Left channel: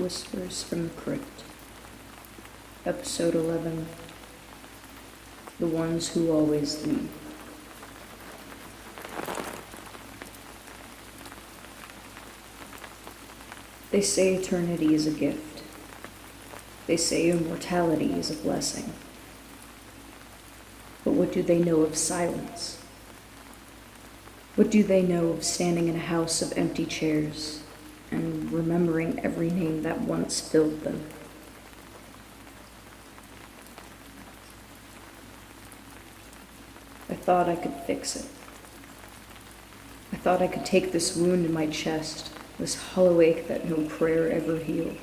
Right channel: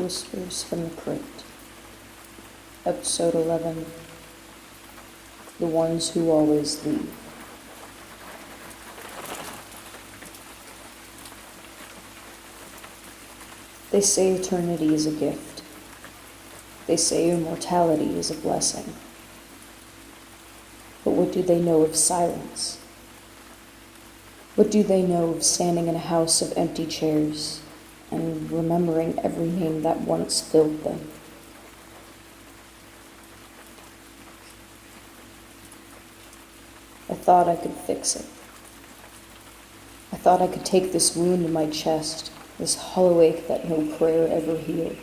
Whispers from the Crypt, Episode 11, The Ones Who Always Leave. They say eternity is a gift. They say immortality is a blessing. But what do they know of silence? What do they know of standing in a house of empty chairs and remembering every name that once filled them? I thought I could fix it. I thought I could take this wound in my chest, this hollow ache that no prayer ever healed,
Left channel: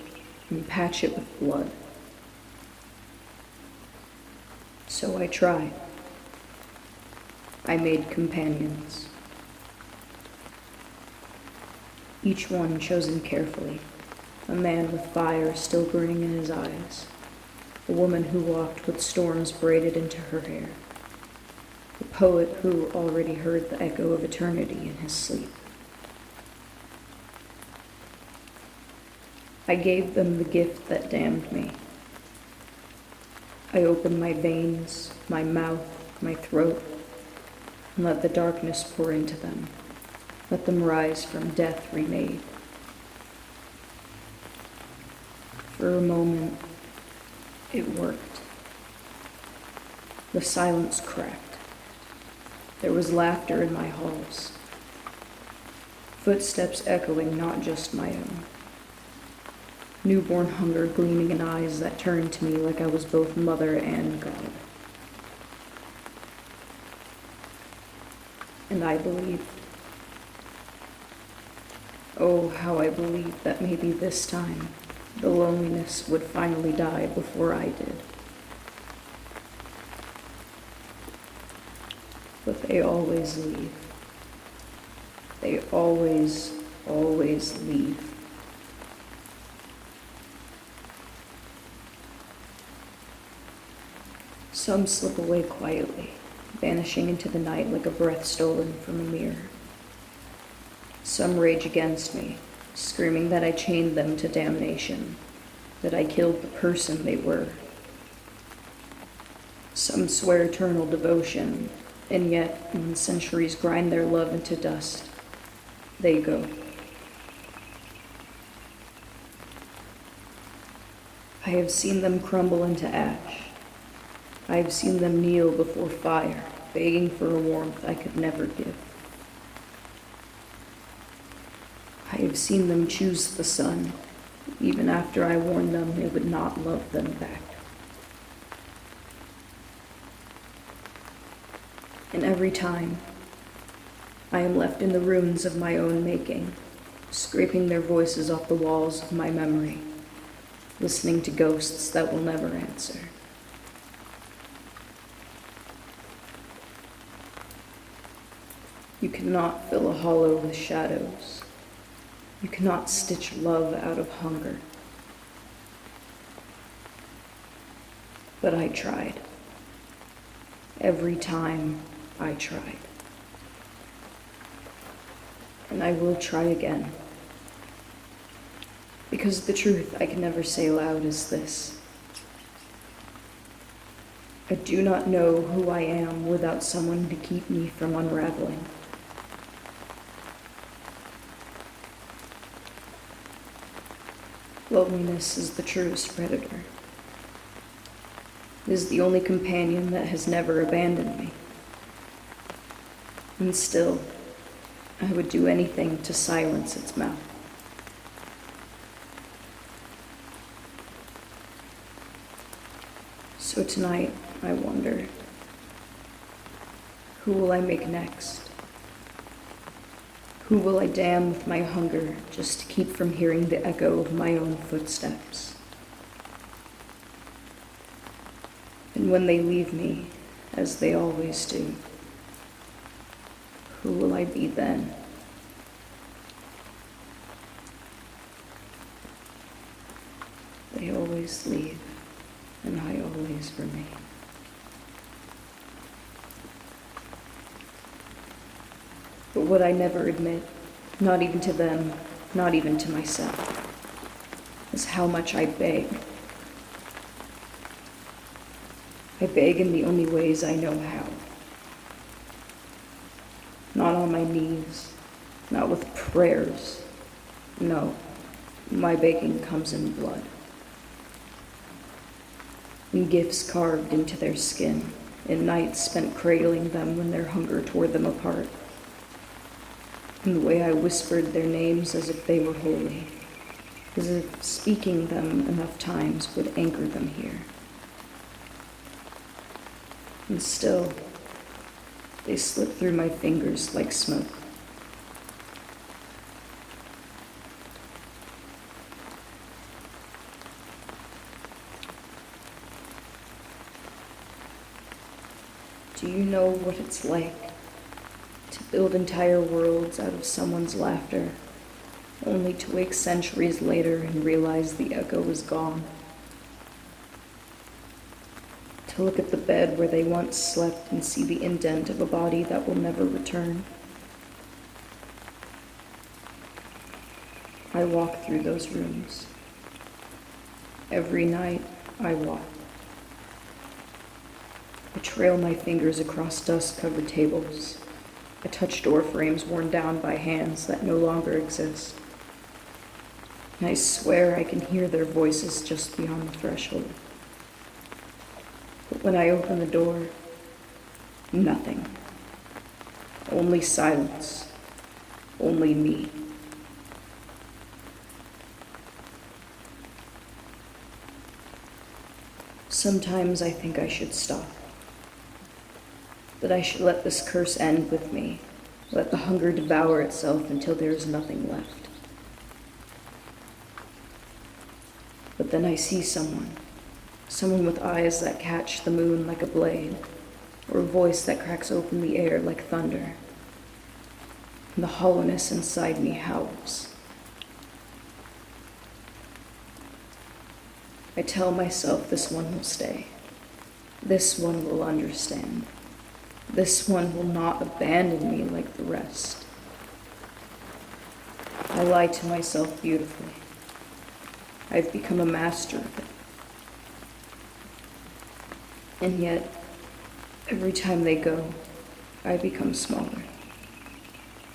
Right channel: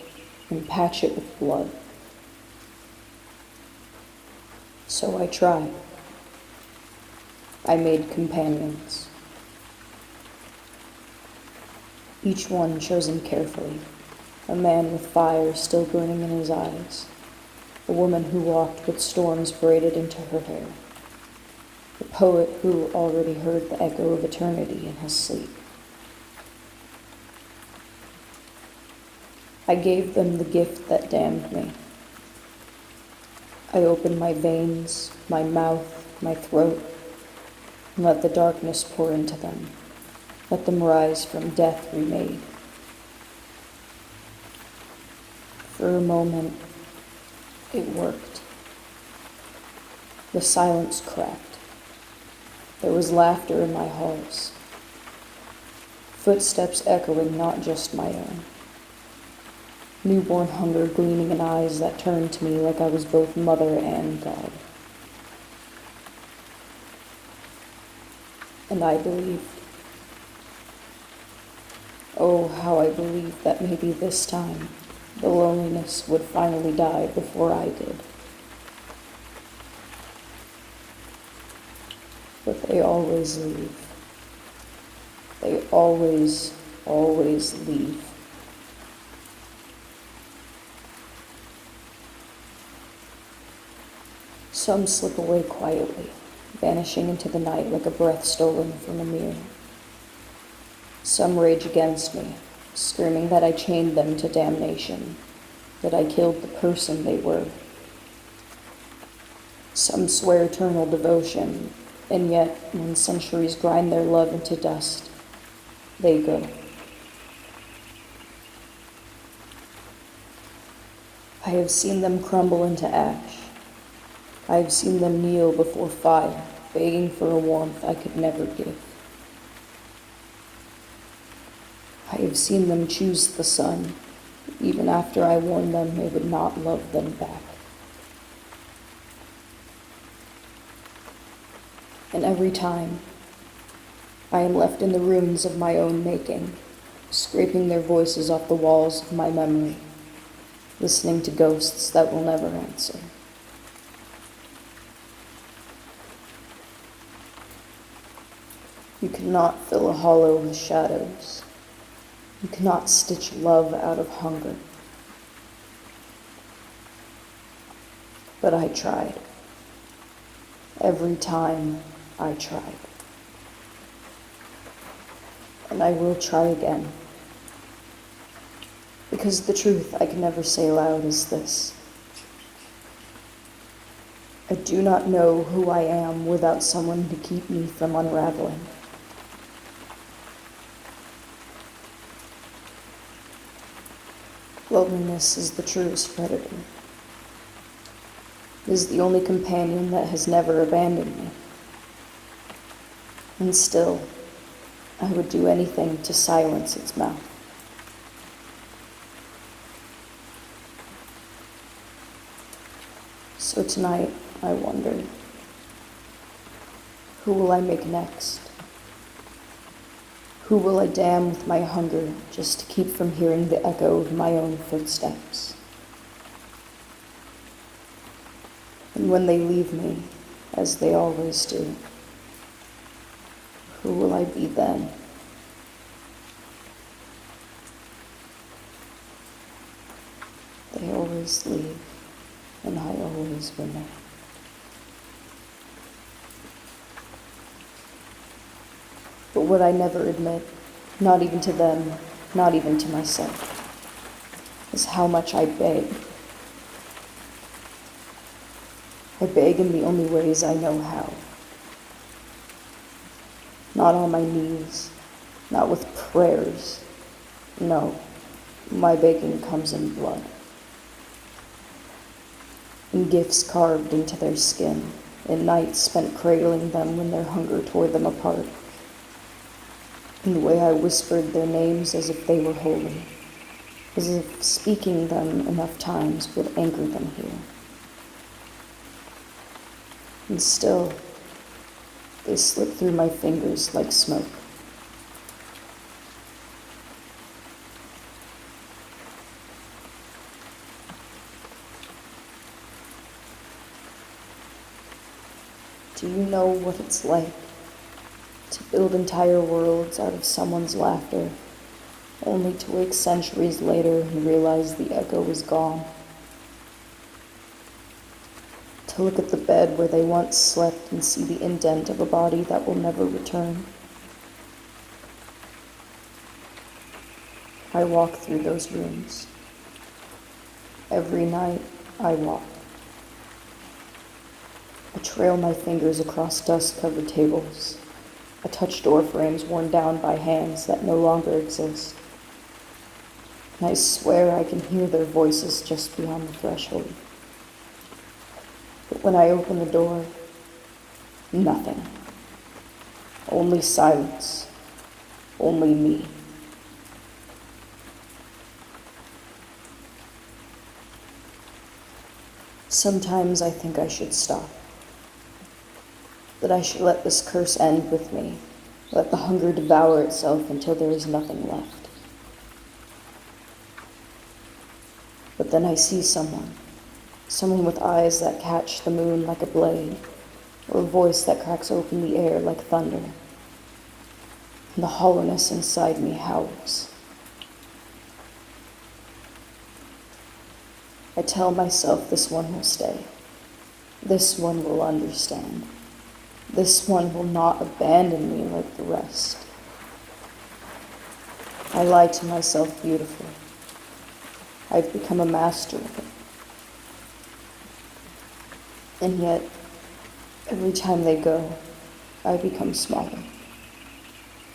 and patch it with blood. So I tried. I made companions. Each one chosen carefully, a man with fire still burning in his eyes, a woman who walked with storms braided into her hair, a poet who already heard the echo of eternity in his sleep. I gave them the gift that damned me. I opened my veins, my mouth, my throat, and let the darkness pour into them. Let them rise from death remade. For a moment, it worked. The silence cracked. There was laughter in my halls. Footsteps echoing not just my own. Newborn hunger gleaming in eyes that turned to me like I was both mother and God. And I believed. Oh, how I believed that maybe this time the loneliness would finally die before I did. But they always leave. They always leave. Some slip away quietly, vanishing into the night like a breath stolen from a mirror. Some rage against me, screaming that I chained them to damnation, that I killed the person they were. Some swear eternal devotion, and yet, when centuries grind their love into dust, they go. I have seen them crumble into ash. I have seen them kneel before fire, begging for a warmth I could never give. I have seen them choose the sun, even after I warned them they would not love them back. And every time, I am left in the ruins of my own making, scraping their voices off the walls of my memory, listening to ghosts that will never answer. You cannot fill a hollow with shadows. You cannot stitch love out of hunger. But I tried. Every time I tried. And I will try again. Because the truth I can never say loud is this. I do not know who I am without someone to keep me from unraveling. Loneliness is the truest predator. It is the only companion that has never abandoned me. And still, I would do anything to silence its mouth. So tonight, I wonder, who will I make next? Who will I damn with my hunger just to keep from hearing the echo of my own footsteps? And when they leave me, as they always do, who will I be then? They always leave, and I always remain. But what I never admit, not even to them, not even to myself, is how much I beg. I beg in the only ways I know how. Not on my knees, not with prayers. No, my begging comes in blood. In gifts carved into their skin, in nights spent cradling them when their hunger tore them apart. In the way I whispered their names as if they were holy, as if speaking them enough times would anchor them here. And still, they slip through my fingers like smoke. Do you know what it's like to build entire worlds out of someone's laughter, only to wake centuries later and realize the echo is gone? To look at the bed where they once slept and see the indent of a body that will never return. I walk through those rooms. Every night I walk. I trail my fingers across dust-covered tables. I touch door frames worn down by hands that no longer exist. And I swear I can hear their voices just beyond the threshold. But when I open the door, nothing. Only silence. Only me. Sometimes I think I should stop. That I should let this curse end with me. Let the hunger devour itself until there is nothing left. But then I see someone with eyes that catch the moon like a blade, or a voice that cracks open the air like thunder. And the hollowness inside me howls. I tell myself this one will stay. This one will understand. This one will not abandon me like the rest. I lie to myself beautifully. I've become a master of it. And yet, every time they go, I become smaller,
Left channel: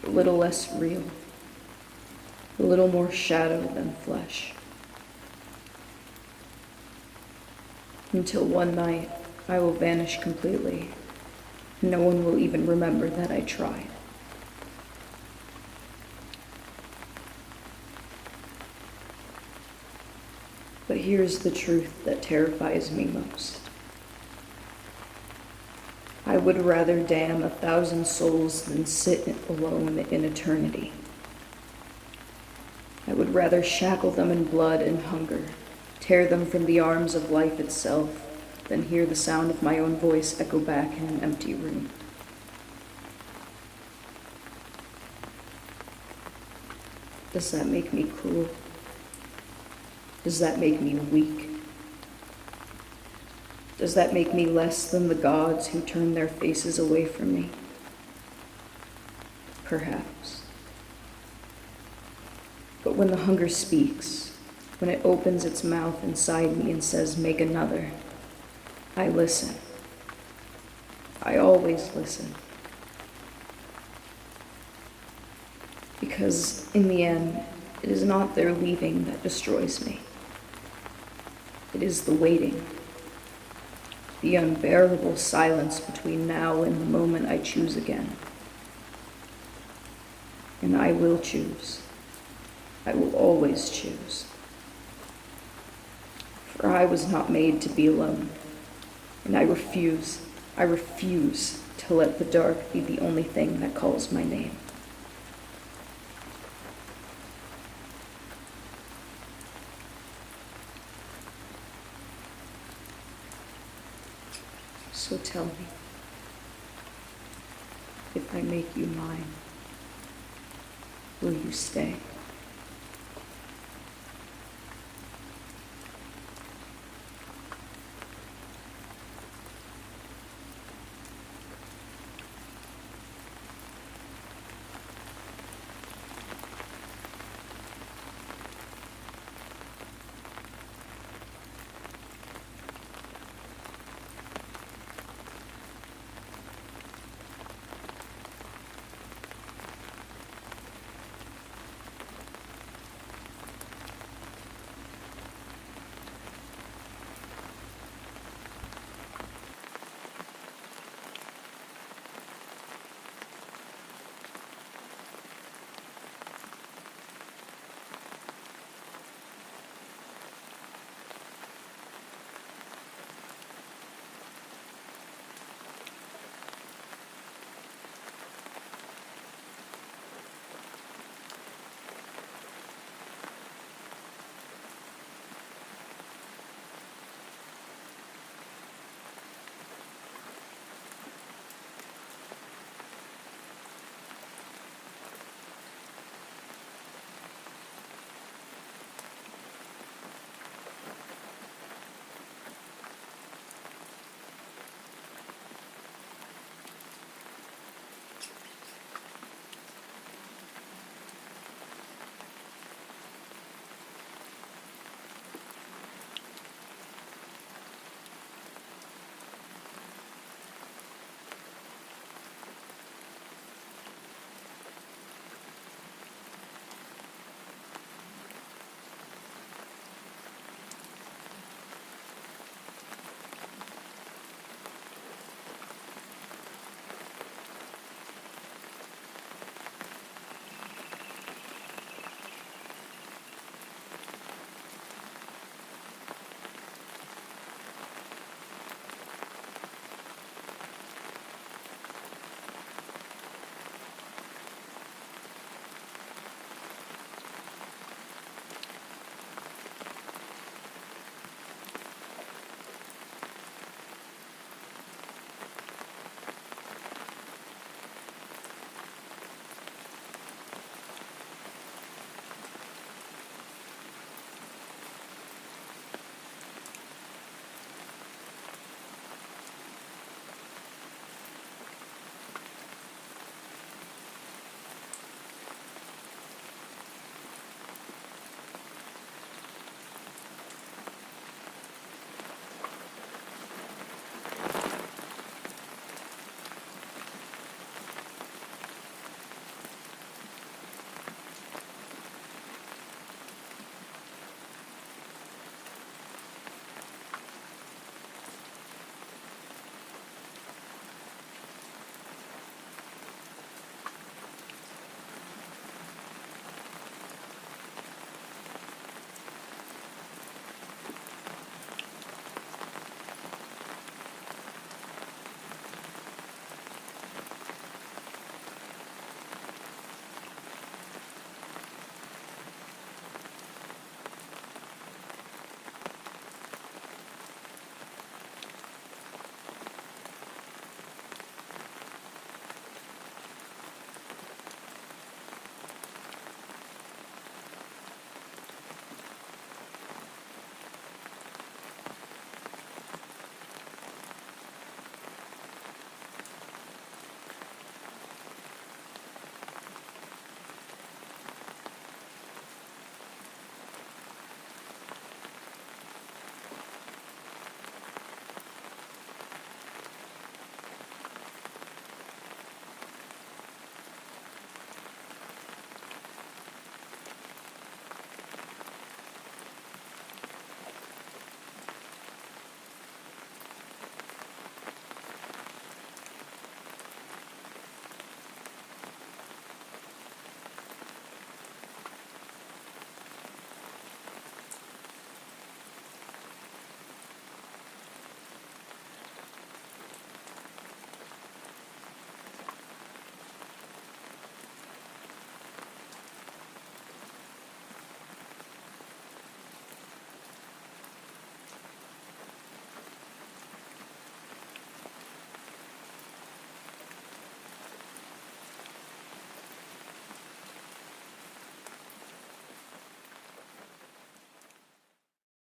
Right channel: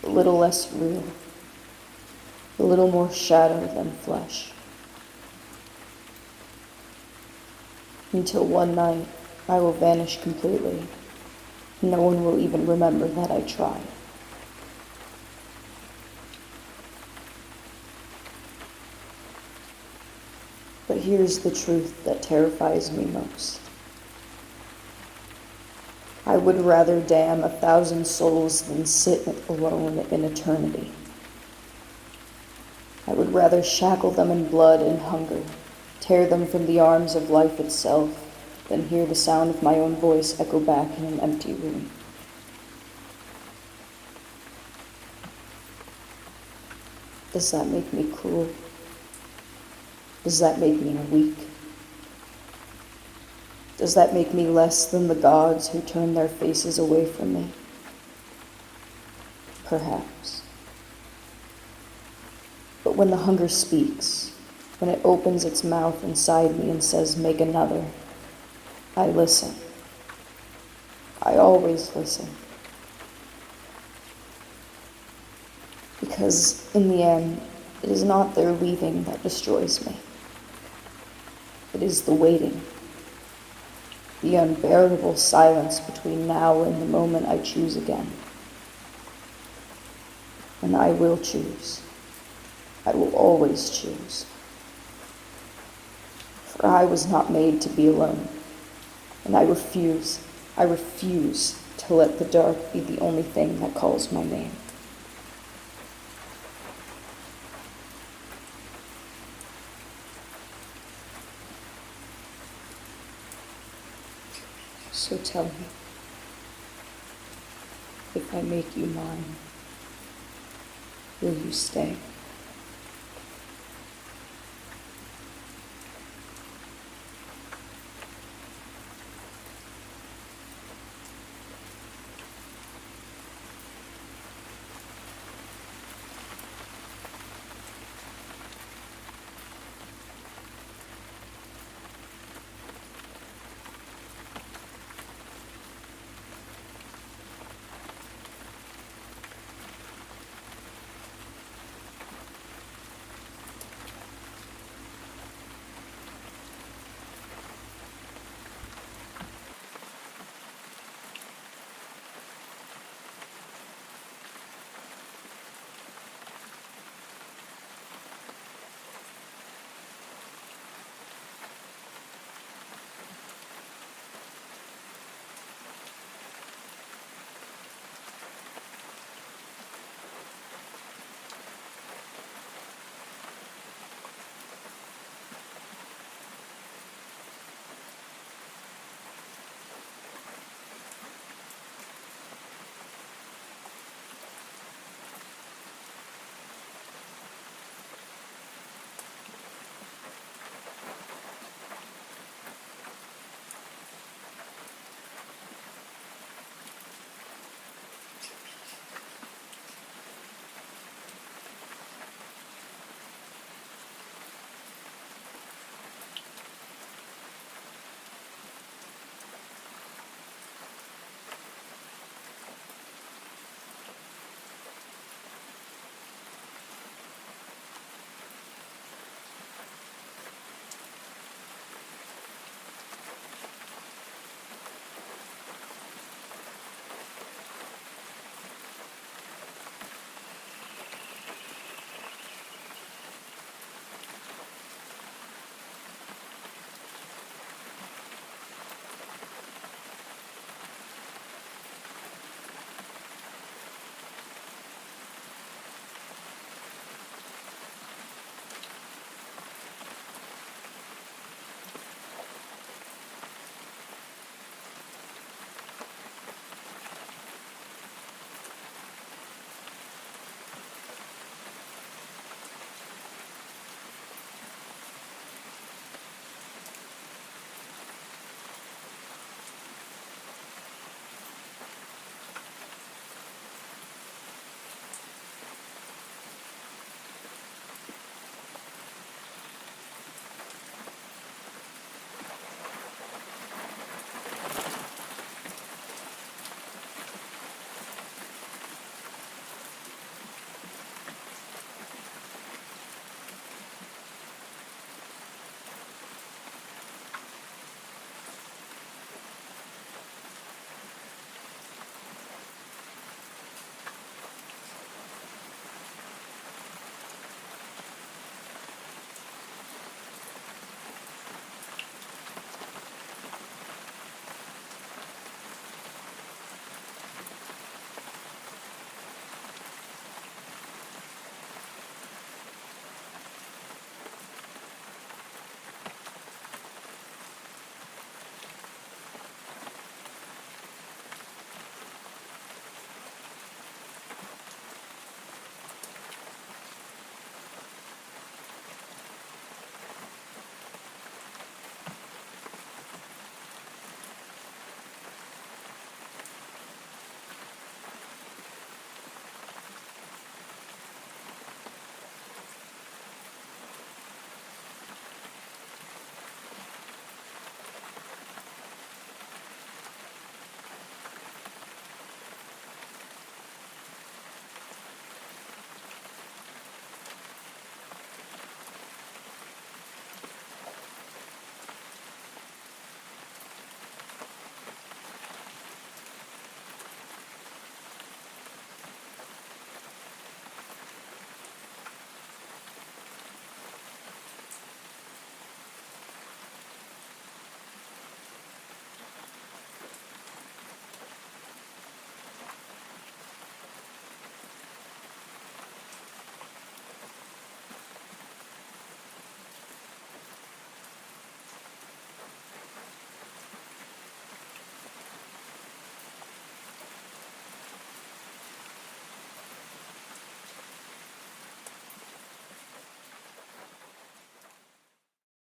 a little less real, a little more shadow than flesh. Until one night, I will vanish completely. No one will even remember that I tried. But here's the truth that terrifies me most. I would rather damn 1,000 souls than sit alone in eternity. I would rather shackle them in blood and hunger, tear them from the arms of life itself, than hear the sound of my own voice echo back in an empty room. Does that make me cruel? Does that make me weak? Does that make me less than the gods who turn their faces away from me? Perhaps. But when the hunger speaks, when it opens its mouth inside me and says, "Make another," I listen. I always listen. Because in the end, it is not their leaving that destroys me. It is the waiting. The unbearable silence between now and the moment I choose again. And I will choose. I will always choose. For I was not made to be alone. And I refuse to let the dark be the only thing that calls my name. So tell me, if I make you mine, will you stay?